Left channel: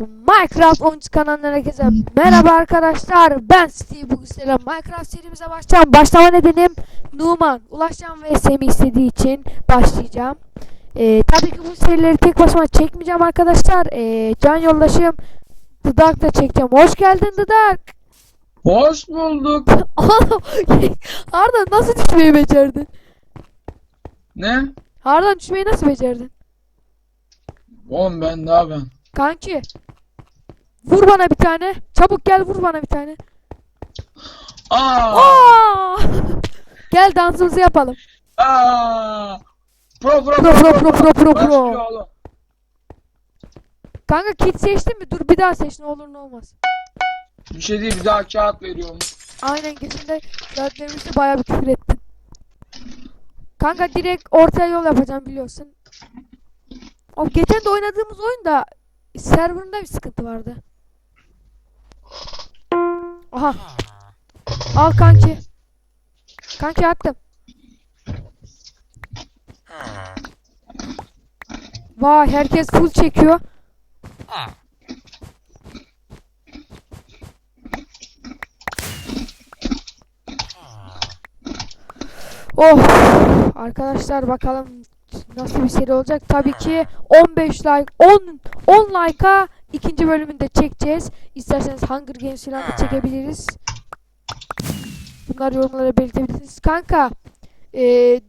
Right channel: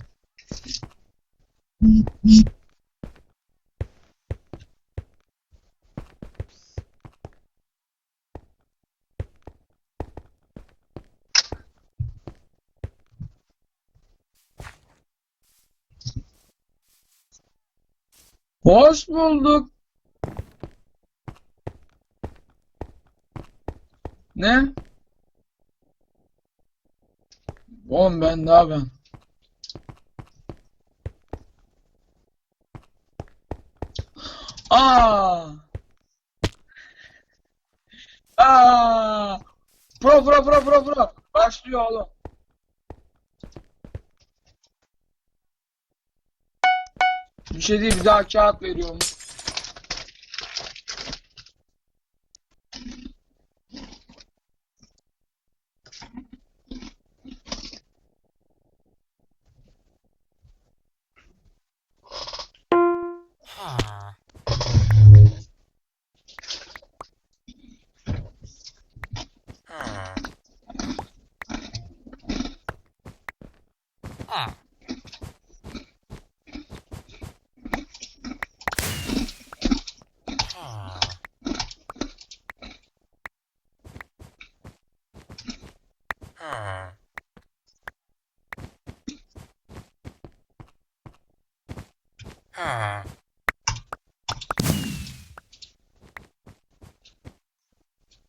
Minecraft oyuncu kanalına herkese merhaba arkadaşlar. Ben Steve. Bugün sizlerle Minecraft serimize başlayacağım. Başlama nedenim Numan Ulaşcan ve Semih istediği için başlayacağım. Ee, tabii ki bu serileri tek başıma çekmeyeceğim arkadaşlar. Ee, can yoldaşım Dudak da çekeceğim. Hoş geldin Dudak Hoş bulduk. Arda nasıl düşmeyi becerdin? Ne? Arda düşmeyi nasıl becerdin? Oğlum ben daha ben. Kanki Vur bana bir tane çabuk gel vur bana bir tane Aa! Aa! Gel dansımızı yapalım. Aa! Pro pro pro Pro, pro, pro pro. Başlıyor oğlum. Kanka kit seçtin mi? Dur bir daha seç ne olur ne olmaz. Bir şey değil bir daha kağıt veriyorum. Aynen girdiğinde zaten bayağı bir küfür ettin. Kanka direkt ortaya yol yapacağım biliyorsun. O geçen de oynadığımız oyunda serverında bir sıkıntı vardı. Aha. Al kanki. Kanki attım. Vay herkes full çekiyor. Oh arkadaşlar bakalım nasıl bir seri olacak. Tabii ki 15 like 10 10 like'a ikinci bölümünde çekeceğiz. İsterseniz Hunger Games falan da çekebiliriz. Bunlar yorumlara belirtebilirsiniz. Kanka eee,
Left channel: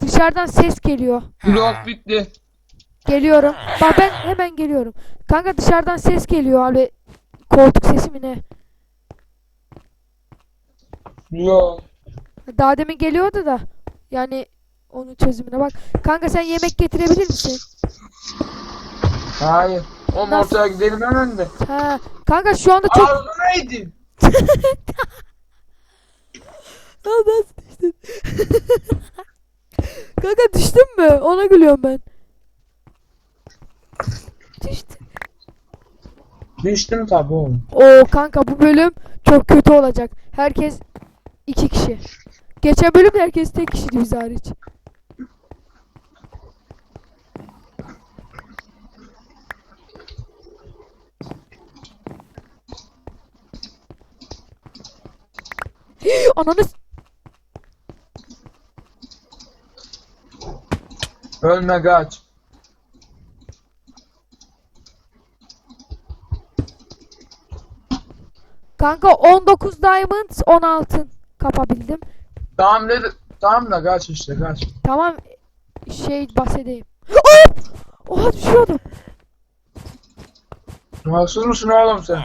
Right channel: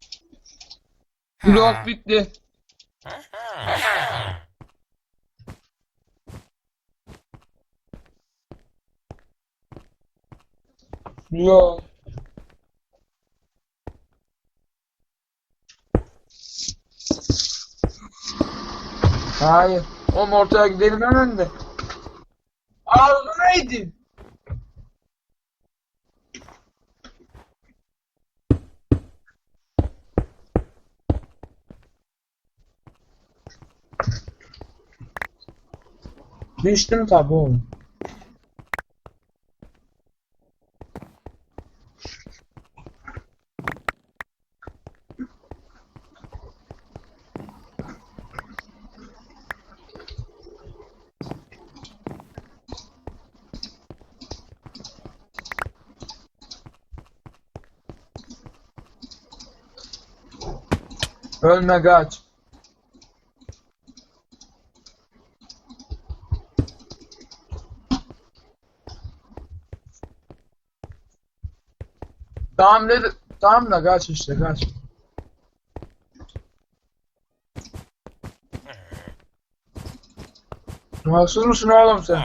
dışarıdan ses geliyor. Blok bitti. Geliyorum. Bak ben hemen geliyorum. Kanka dışarıdan ses geliyor abi. Koltuk sesi mi ne? Yok. Daha demin geliyordu da. Yani onun çözümüne bak. Kanka sen yemek getirebilir misin? Hayır. Oğlum Nasıl? ortaya gidelim hemen de. Ha. Kanka şu anda çok... Ağzına neydi? Ya nasıl düştün? Kanka düştün mü? Ona gülüyorum ben. Düştüm. Düştüm tabi oğlum. Oo kanka bu bölüm çok kötü olacak. Herkes iki kişi. Geçen bölüm herkes tek kişiydi biz hariç. Ananı Ölme kaç. Kanka 19 diamond 10 altın kapabildim. Tamam dedi. Tamam da kaç işte kaç. Tamam şey bahsedeyim. Oh! Oha düşüyordum. Rahatsız mısın oğlum sen?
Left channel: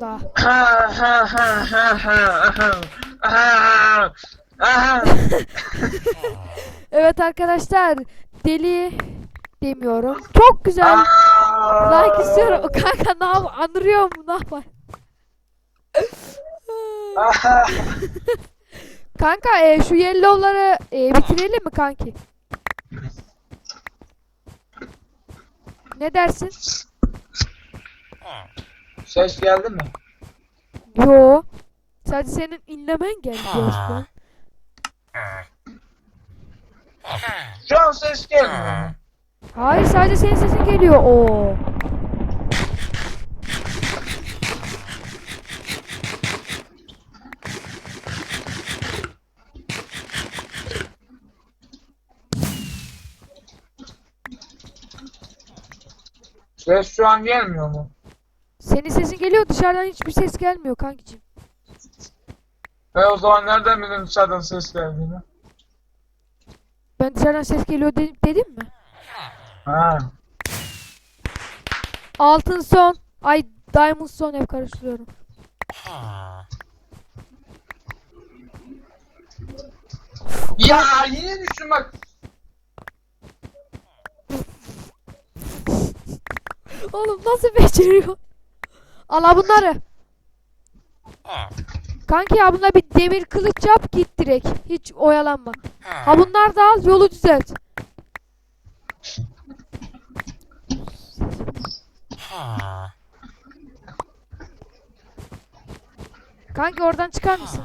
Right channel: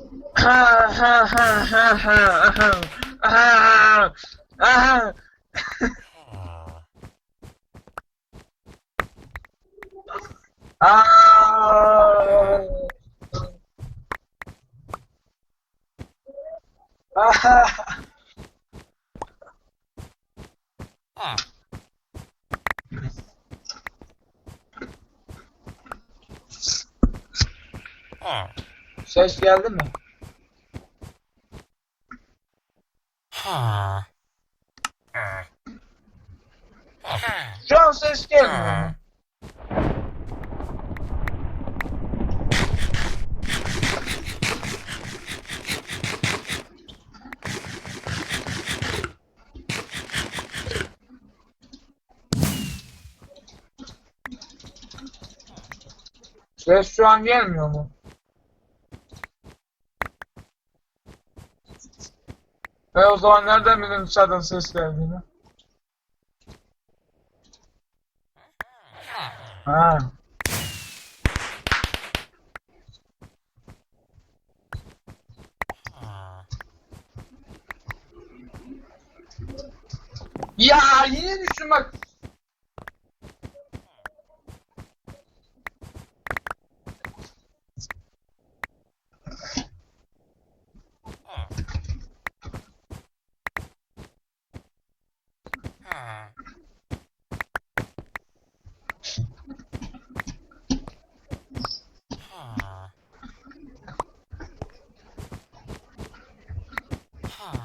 Daha. Ha ha ha ha ha ha ha ha Evet arkadaşlar deli demiyorum. Çok güzel. Like istiyorum. Kanka ne yap? Anırıyor mu? Ne yapar? Kanka e, şu yellow'ları e, bitirelim mi kanki? Ne dersin? Ses geldi mi? Yo. Sadece senin inlemen geldi. Şu an ses gelmiyor. Hayır sadece senin sesin geliyor. Oo. Ses şu an gelmiyor mu? Senin sesin geliyor dışarıdan hiçbir ses gelmiyor kankicim. E o zaman nereden bildin dışarıdan ses geldiğini? Ben dışarıdan ses geliyor dedim, dedim mi? Ha. Altın son. Ay diamond son hep karıştırıyorum. Ya yine düştüm bak. Oğlum nasıl beceriyor? Al bunları. Kanki ya buna bir demir kılıç yap git direkt. Hiç oyalanma. Ha bunlar da al yolu düzelt. Kanki oradan çıkar mısın?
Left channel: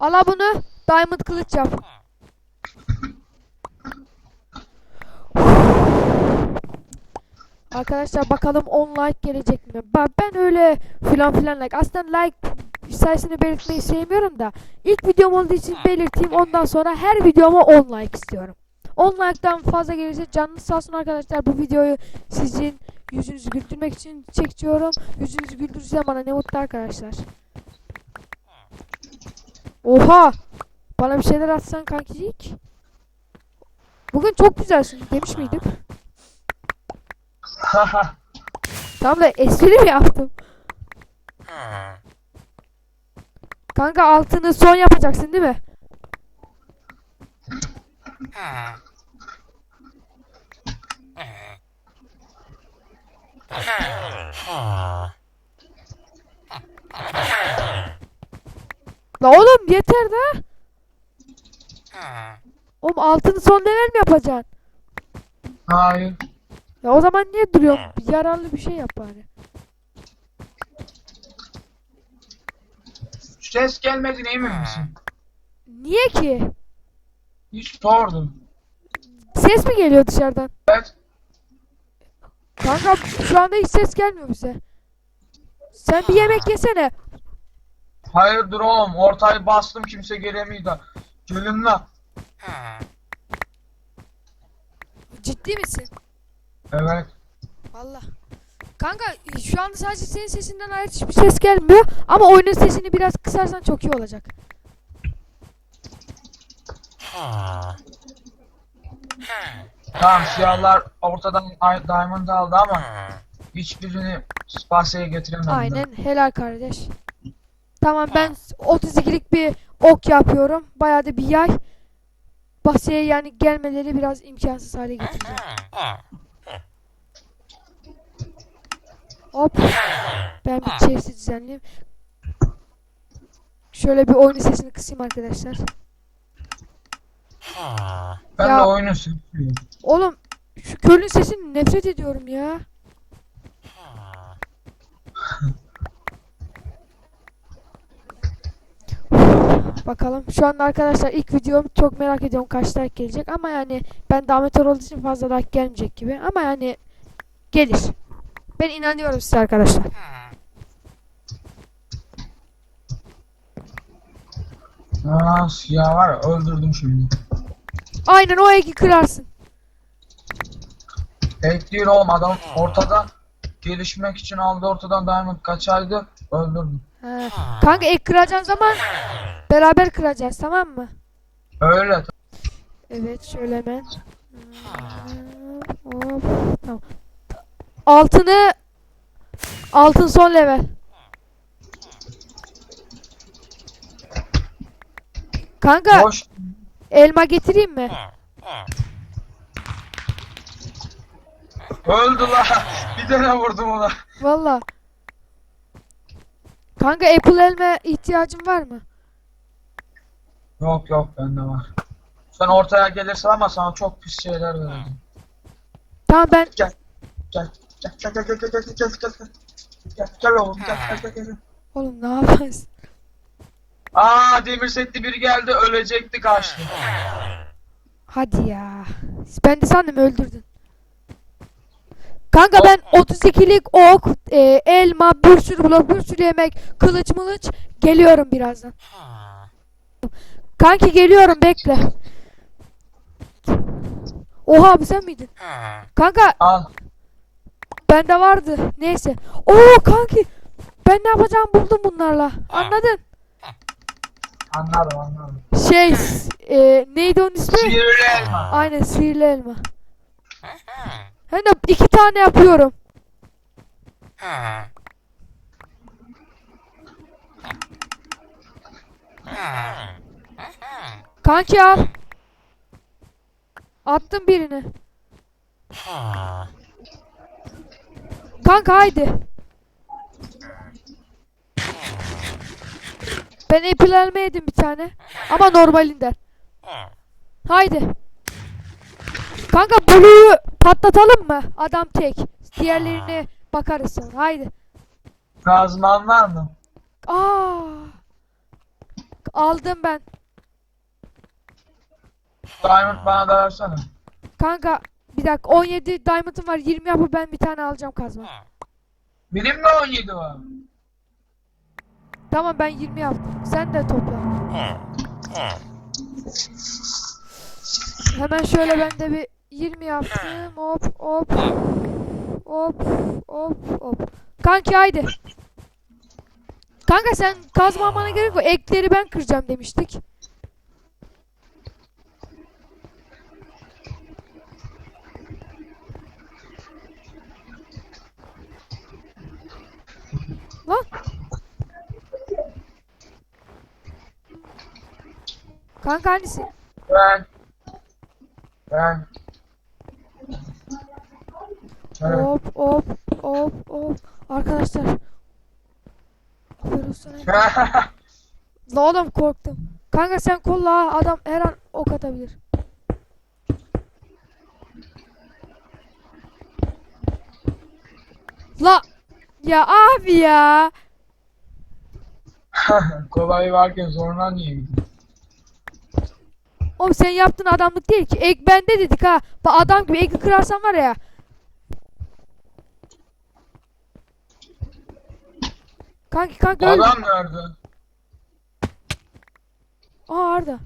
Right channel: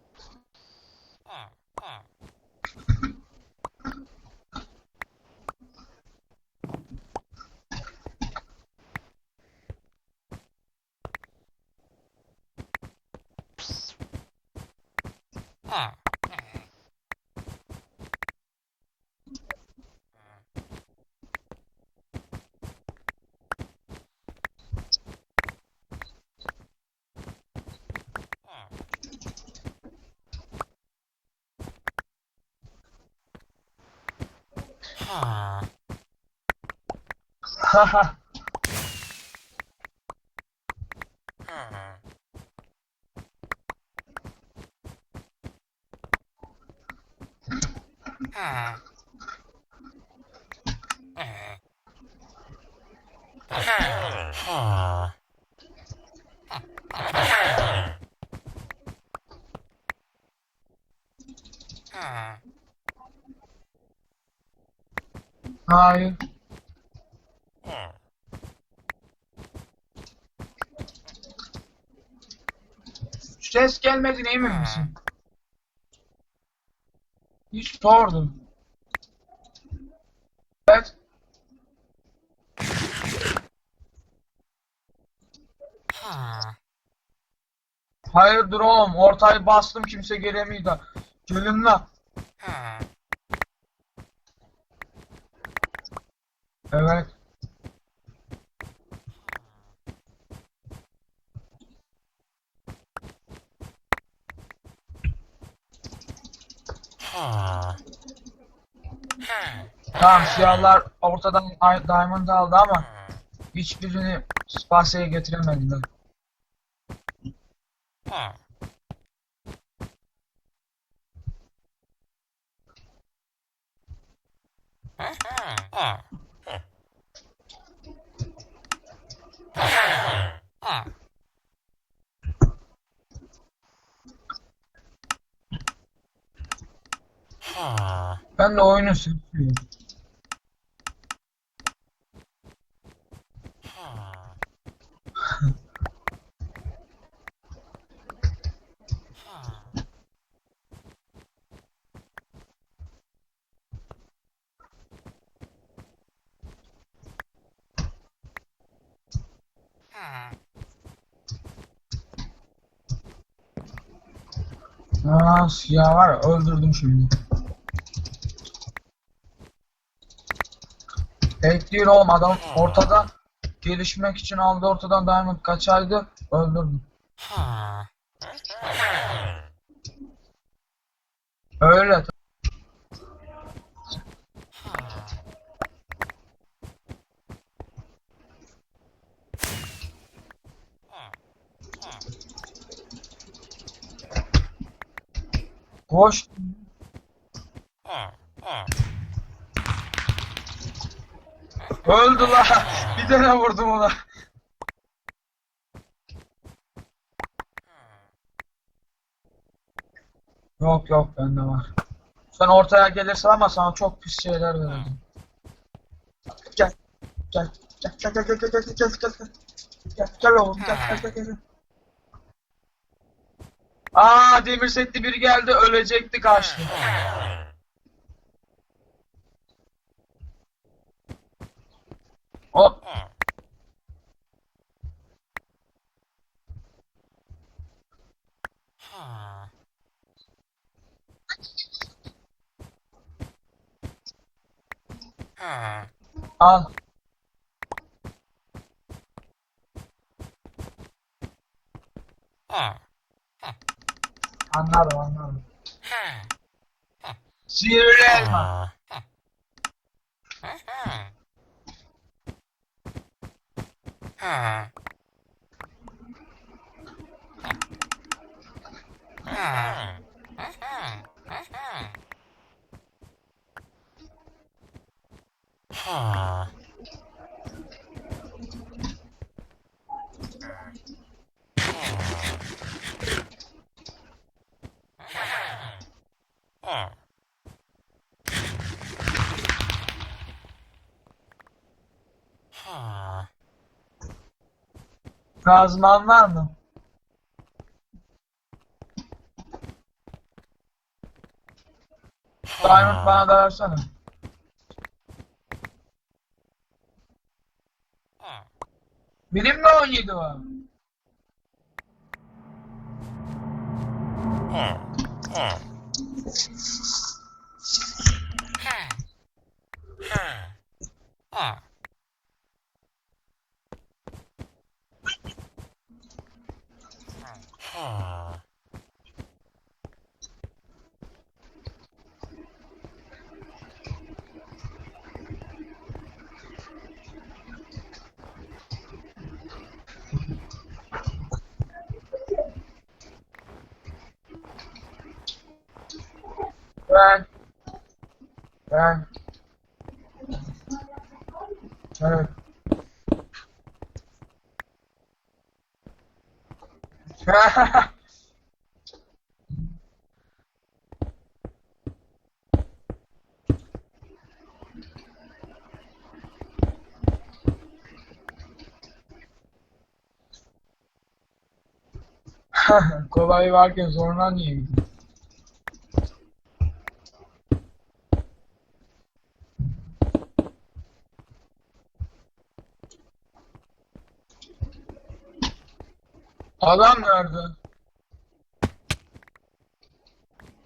Ala bunu diamond kılıç yap. Arkadaşlar bakalım 10 like gelecek mi? Bak ben öyle filan filan like. Aslında like sayısını belirtmeyi sevmiyorum da ilk videom olduğu için belirteyim. Ondan sonra her videoma 10 like istiyorum. 10 like'dan fazla gelirse canınız sağ olsun arkadaşlar. Bu videoyu sizin yüzünüzü güldürmek için çekiyorum. Yüzünüzü güldürürse bana ne mutlu arkadaşlar. Oha! Bana bir şeyler atsan kankicik. Bugün çok güzelsin demiş miydim? Haha. Tam da espri mi yaptım? Kanka altını son yapacaksın değil mi? La oğlum yeter de. Oğlum altını son level mi yapacaksın? Hayır. Ya o zaman niye duruyorsun? Bir Yararlı bir şey yap bari. Ses gelmediğine emin misin? Niye ki? Hiç sordum. Ses mi geliyor dışarıdan? Evet. Kanka şu anda hiç ses gelmiyor bize. Sen bir yemek yesene. Hayır dur oğlum. Ortayı bastım kimse gelemiyor. Gelin la. Ciddi misin? Evet. Valla. Kanka şu anda sadece senin sesinden hariç hiçbir ses gelmiyor. Ama oyunun sesini biraz kısarsan çok iyi olacak. Tamam siyahlar ortadan ay- diamond aldı ama hiçbirini Spasya'ya getiremediler. Aynen helal kardeş. Tamam ben 32'lik bir ok yapıyorum. Bayağı da bir yay. Bahçeye yani gelmeleri biraz imkansız hale getiriyor. Hop. Ben bir chest'i düzenleyeyim. Şöyle bir oyun sesini kısayım arkadaşlar. Ben Ya- de oyunu seviyorum. Oğlum şu kölün sesini nefret ediyorum ya. Bakalım. Şu anda arkadaşlar ilk videom çok merak ediyorum kaç like gelecek ama yani ben damatör olduğu için fazla like gelmeyecek gibi ama yani gelir. Ben inanıyorum size arkadaşlar. Aa siyah var ya öldürdüm şimdi. Aynen o eki kırarsın. Tek değil oğlum adam ortada gelişmek için aldı ortadan diamond kaçaydı öldürdüm. Ha. Kanka ek kıracağın zaman beraber kıracağız tamam mı? Öyle. Evet şöyle hemen. Hop, tamam. Altını altın son level. Kanka Boş. elma getireyim mi? Öldü la. Bir tane vurdum ona. Valla. Kanka apple elma ihtiyacın var mı? Yok yok bende var. Sen ortaya gelirsen ama sana çok pis şeyler vereceğim. Tamam ben Gel. Gel. Gel gel gel gel gel gel gel gel gel. Gel gel oğlum gel gel gel gel. oğlum ne yaparsın? Aa demir setli biri geldi ölecekti kaçtı. Hadi ya. Ben de sandım öldürdün. Kanka ben 32'lik ok, e, elma, bir sürü blok, bir sürü yemek, kılıç mılıç geliyorum birazdan. Kanki geliyorum bekle. Oha abi sen miydin? Kanka Al. bende vardı. Neyse. Oo kanki ben ne yapacağımı buldum bunlarla. Anladın? Anladım anladım. Şey e, neydi onun ismi? Sihirli elma. Aynen sihirli elma. Hem de iki tane yapıyorum. Kanki al. Attım birini. Kanka haydi. Ben elma yedim bir tane. Ama normalinden. Haydi. Kanka Blue'yu patlatalım mı? Adam tek. Diğerlerine bakarız sonra. Haydi. Kazman var mı? Aa. Aldım ben. Diamond bana da versene. Kanka bir dakika 17 diamond'ım var 20 yapıp ben bir tane alacağım kazma. Benim de 17 var. Tamam ben 20 yaptım. Sen de topla. Hemen şöyle ben de bir 20 yaptım. Hop hop. Hop hop hop. Kanki haydi. Kanka sen kazma almana gerek yok. Ekleri ben kıracağım demiştik. Lan. Kanka hangisi? Ben. Ben. Evet. Hop hop hop hop. Arkadaşlar. La oğlum korktum. Kanka sen kolla adam her an ok atabilir. La ya abi ya. Kolay varken zoruna niye gidiyor? Oğlum sen yaptığın adamlık değil ki. Ek bende dedik ha. Bak adam gibi eki kırarsan var ya. Kanki öyle. Adam nerede? Aa Arda.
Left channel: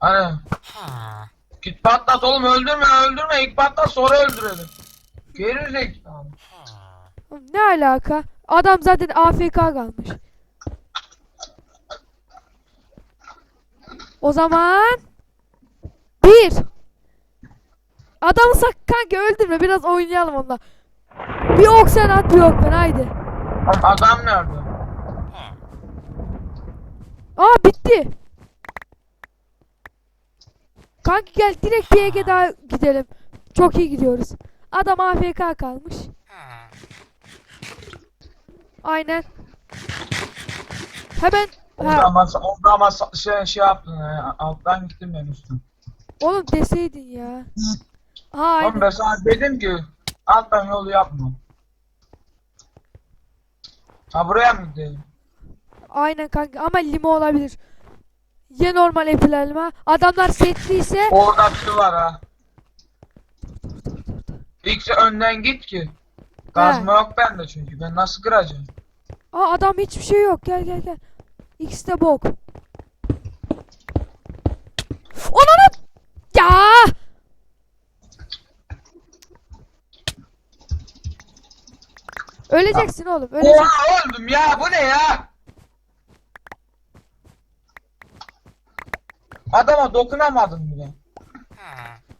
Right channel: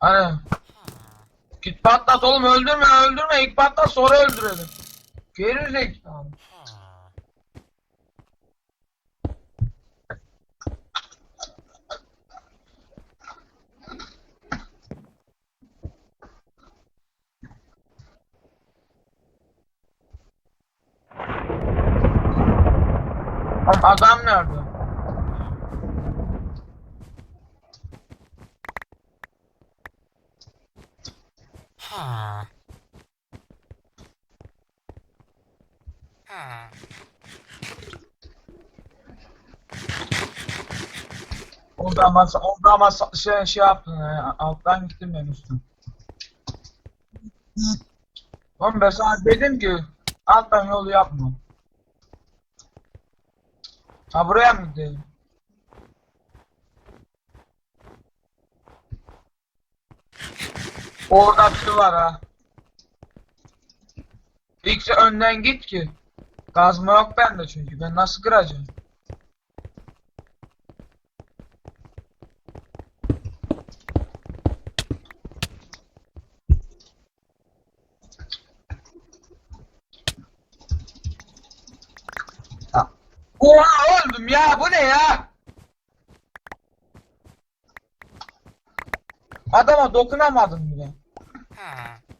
Hani? Git patlat oğlum öldürme öldürme ilk patlat sonra öldürelim. Geri zekalı. Ne alaka? Adam zaten AFK kalmış. O zaman bir. Adamı sak kanka öldürme biraz oynayalım onunla. Bir ok sen at bir ok ben haydi. Adam nerede? Aa bitti. Kanki gel direkt bir Ege daha gidelim. Çok iyi gidiyoruz. Adam AFK kalmış. Aynen. Hemen Orada ama, orada ama şey, şey yaptın ya, alttan gittim ben üstüne. Oğlum deseydin ya. Ha, Oğlum ben sana dedim ki alttan yolu yapma. Ha buraya mı gidelim? Aynen kanka ama limo olabilir. Ya normal apple elma. Adamlar setliyse Orada bir var ha. İlk önden git ki. Kazma yok bende çünkü. Ben nasıl kıracağım? Aa adam hiçbir şey yok. Gel gel gel. X de bok. Onanı ya. Öleceksin oğlum. Öleceksin. Oha öldüm ya bu ne ya? Adama dokunamadım bile.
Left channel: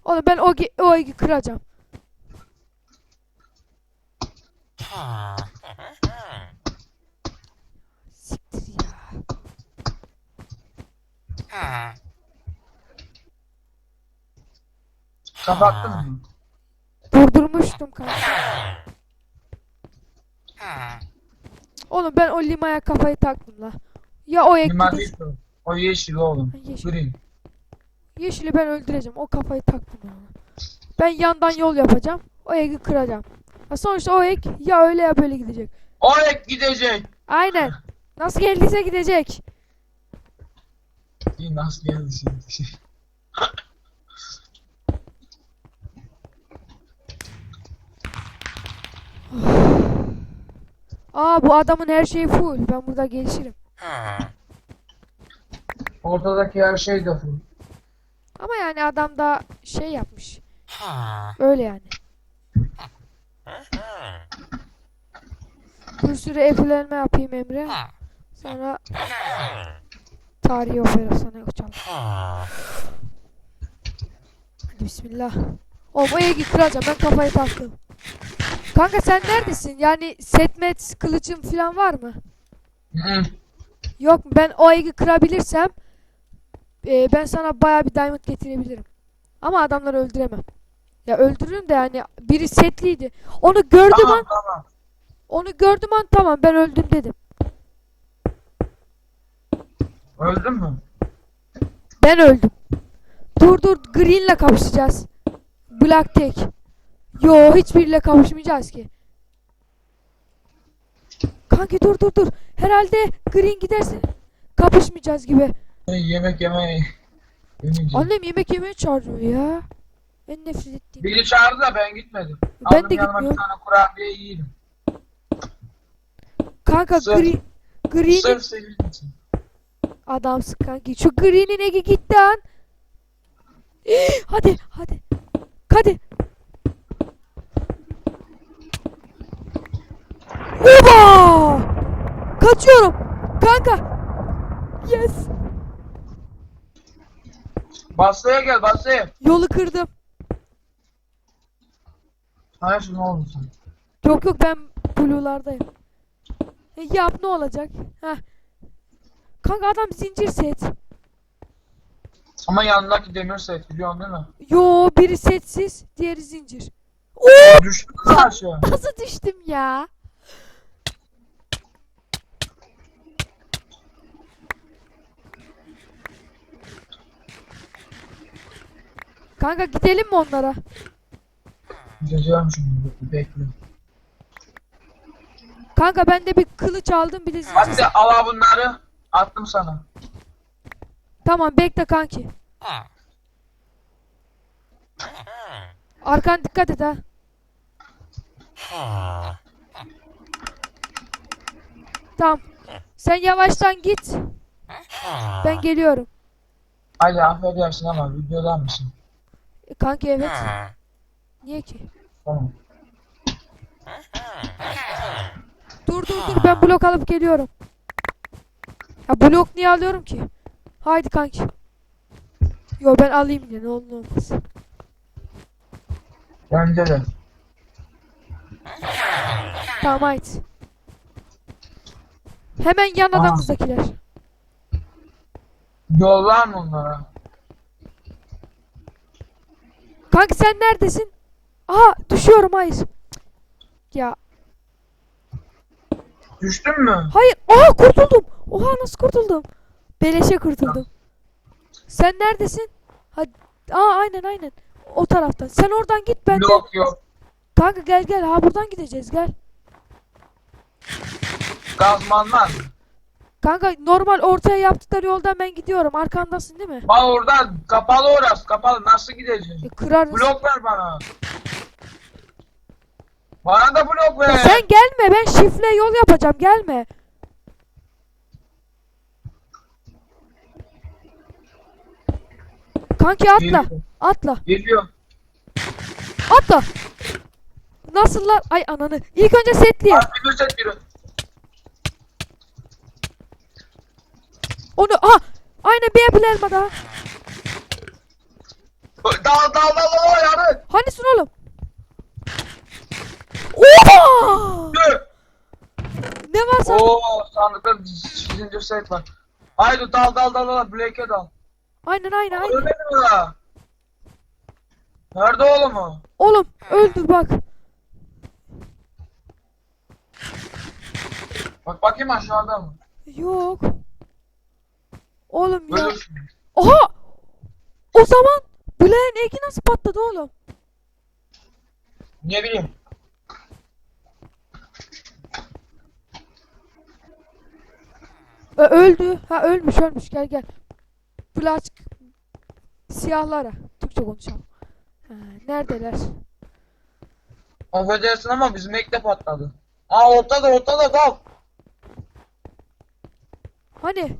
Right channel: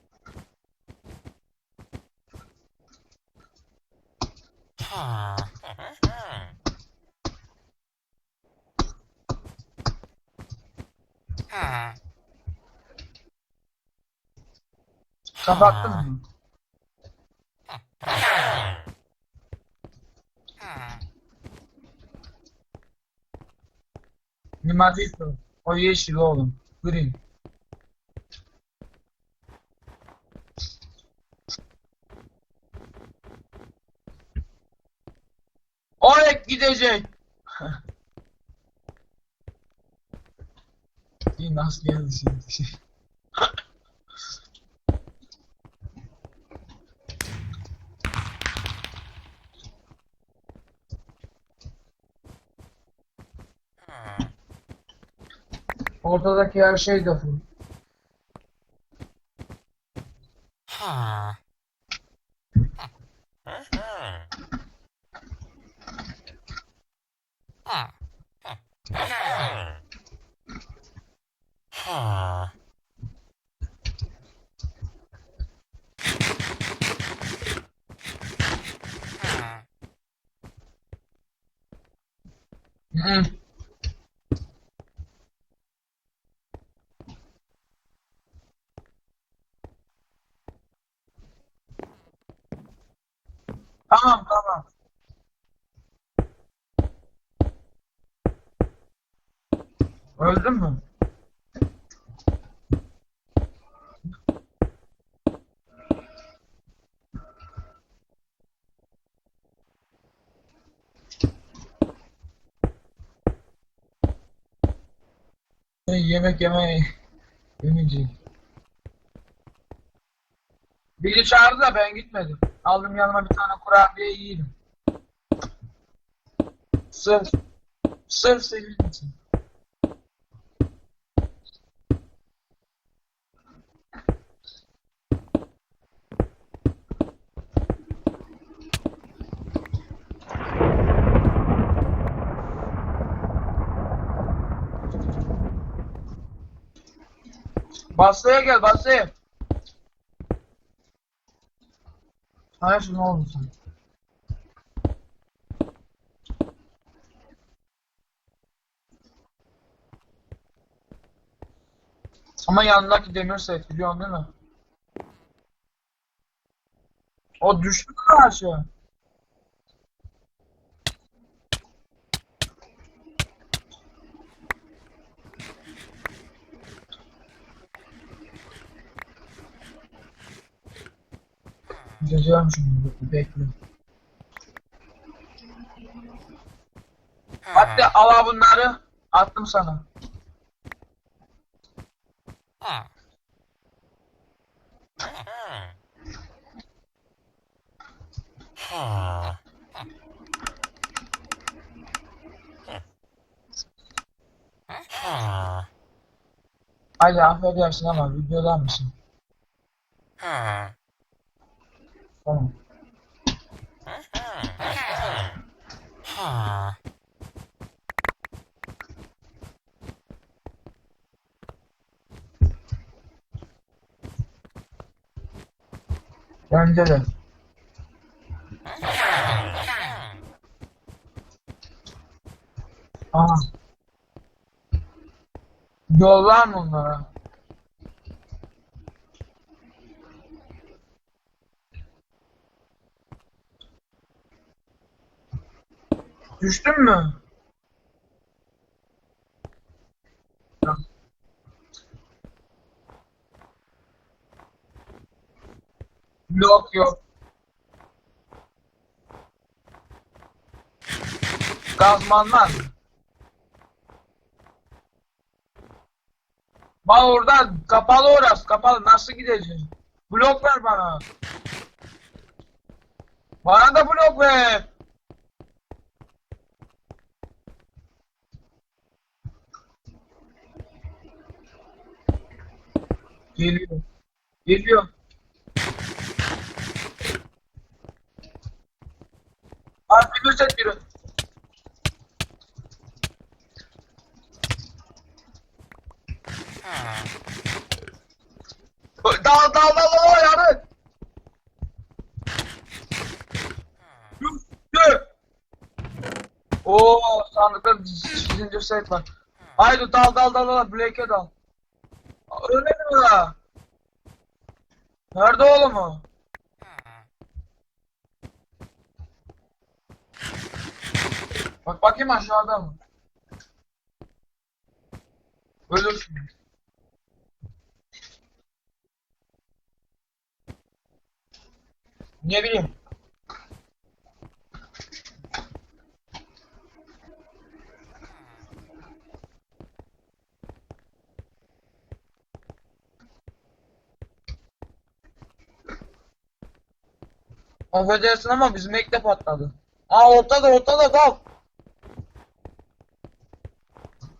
Oğlum ben o o egi kıracağım. Siktir ya. Kapattın mı? Durdurmuştum kanka. Oğlum ben o limaya kafayı taktım la. Ya o ek Lima değil o. O yeşil oğlum. Yeşil. Green. Yeşili ben öldüreceğim. O kafayı taktım ya. Ben yandan yol yapacağım. O egi kıracağım. Ya sonuçta o ek ya öyle ya böyle gidecek. O ek gidecek. Aynen. Nasıl geldiyse gidecek. İyi nasıl geldi şimdi Aa bu adamın her şeyi full. Ben burada gelişirim. Ortadaki her şey de full. Ama yani adam da şey yapmış. Öyle yani. Bir sürü eklenme yapayım Emre. Sonra tarihi operasyona uçalım. Bismillah. O egi kıracağım. Ben kafayı taktım. Kanka sen neredesin? Yani setmet kılıcın falan var mı? Hı. Yok? Ben o egi kırabilirsem e, ben sana baya bir diamond getirebilirim. Ama adamları öldüremem. Ya öldürürüm de yani biri setliydi. Onu gördüm Tamam an, tamam. onu gördüm an tamam ben öldüm dedim. Öldün mü? Ben öldüm. Dur dur Green'le kapışacağız. Black tek. Yo hiçbiriyle kapışmayacağız ki. Kanki dur dur dur. Herhalde Green giderse. kapışmayacağız gibi. Yemek yemeyi. Yemeyeceğim. Annem yemek yemeye çağırıyor ya. En nefret ettiğim. Biri çağırdı da ben gitmedim. Ben Aldım de yanıma bir tane kurabiye yiyelim. Kanka Sırf- green. Green Sırf senin için. adamsın kanki. Şu green'in egi gitti lan. hadi hadi. Hadi. Oba! Kaçıyorum. Kanka. Yes. Basra'ya gel Basra'ya. Yolu kırdım. Hayır ne oldu sen? Yok yok ben blue'lardayım. E, yap ne olacak? Heh. Kanka adam zincir set. Ama yanındaki demir set biliyorsun değil mi? Yo biri setsiz, diğeri zincir. O düştü aşağı? Nasıl düştüm ya? Kanka gidelim mi onlara? Gideceğim şimdi bekle. Kanka ben de bir kılıç aldım zincir. Hadi al bunları. Attım sana. Tamam bekle kanki. Arkan dikkat et ha. Tamam. Sen yavaştan git. Ben geliyorum. Hadi affedersin ama videodan mısın? E, kanki evet. Niye ki? Tamam. Dur dur dur ben blok alıp geliyorum. Ha blok niye alıyorum ki? Haydi kanki. Yo ben alayım yine ne olur ne olmaz. Bence de. Tamam haydi. Hemen yan Aa. adamızdakiler. Yollar mı onlara? Kanki sen neredesin? Aha düşüyorum hayır. Ya Düştün mü? hayır. Aha kurtuldum. Oha nasıl kurtuldum? Beleşe kurtuldum. Sen neredesin? Hadi. Aa aynen aynen. O taraftan. Sen oradan git ben. Yok yok. Kanka gel gel ha buradan gideceğiz gel. Gazmanlar. Kanka normal ortaya yaptıkları yoldan ben gidiyorum. Arkandasın değil mi? Bak orada kapalı orası kapalı. Nasıl gideceğiz? E. Blok ver bana. Bana da blok ver. Sen gelme ben şifle yol yapacağım gelme. Kanki atla. Geliyorum. Atla. Geliyor. Atla. Nasıl lan? Ay ananı. İlk önce setleyeyim. Artık set biri. Onu aha. Aynen bir apple elma daha. Dal dal dal dal yarın. Hanisin oğlum? Dur. Ne var sen? Oo sandıkta zincir set var. Haydi dal dal dal dal Blake'e dal. Aynen aynen. aynen. Ölmedi mi la? Nerede oğlum o? Oğlum öldür bak. Bak bakayım aşağıda mı? Yok. Oğlum ya. Ölürsün. Oha! O zaman Blaine eki nasıl patladı oğlum? Ne bileyim. Ö- öldü. Ha ölmüş ölmüş gel gel. Flash siyahlara. Türkçe konuşalım. Ha, neredeler? Affedersin ama bizim ek de patladı. Aa ortada ortada dal. Hani?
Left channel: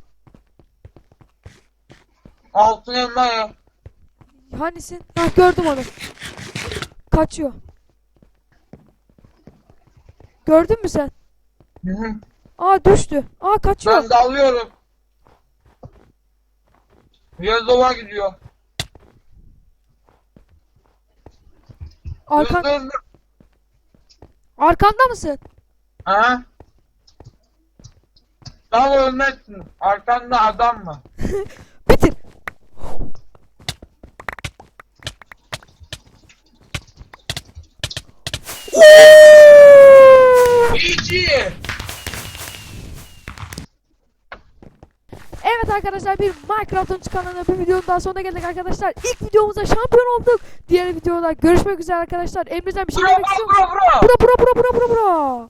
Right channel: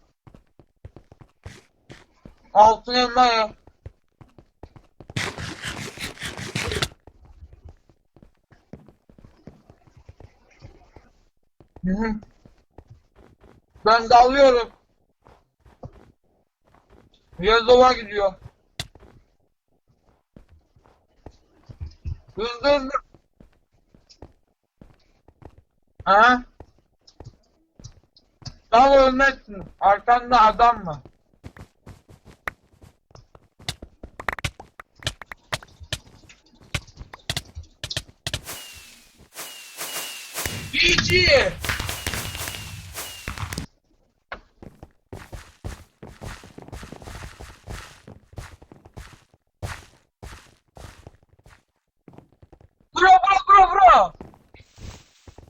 Altın elma ya. Hanisin? Ha gördüm onu. Kaçıyor. Gördün mü sen? Hı hı. Aa düştü. Aa kaçıyor. Ben dalıyorum. Yerdova gidiyor. Arkan, Hızlı hızlı. arkanda mısın? Ha? Dal ölmezsin. Arkanda adam var. İyici. Evet arkadaşlar bir Minecraft'ın kanalına bir videonun daha sonuna geldik arkadaşlar. İlk videomuzda şampiyon olduk. Diğer videoda görüşmek üzere arkadaşlar. Emre'den bir şey Bro bro bro bro. Bura bura bura bura bura bura.